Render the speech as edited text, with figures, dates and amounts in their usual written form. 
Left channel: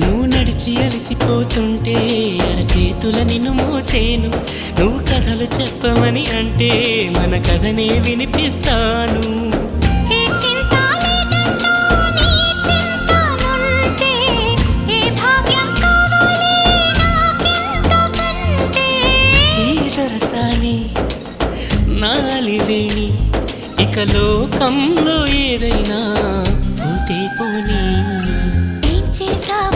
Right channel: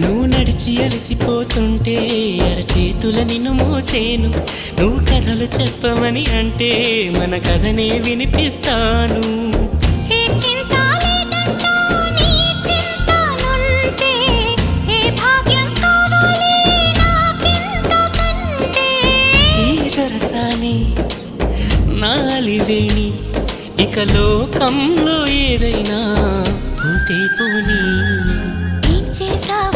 నువ్వు నడిచి అలసిపోతుంటే అరచేతుల నిన్ను మోసేను. నువ్వు కథలు చెప్పమని అంటే మన కథనే వినిపిస్తాను. ఏ చింత లేదంటూ నీ చింతనుంటే ఏ భాగ్యం కావాలి నాకింతకంటే. ఈ దొరసాని నాలివేణి ఇక లోకంలో ఏదైనా పోతే పోనీ. ఏం చేసావు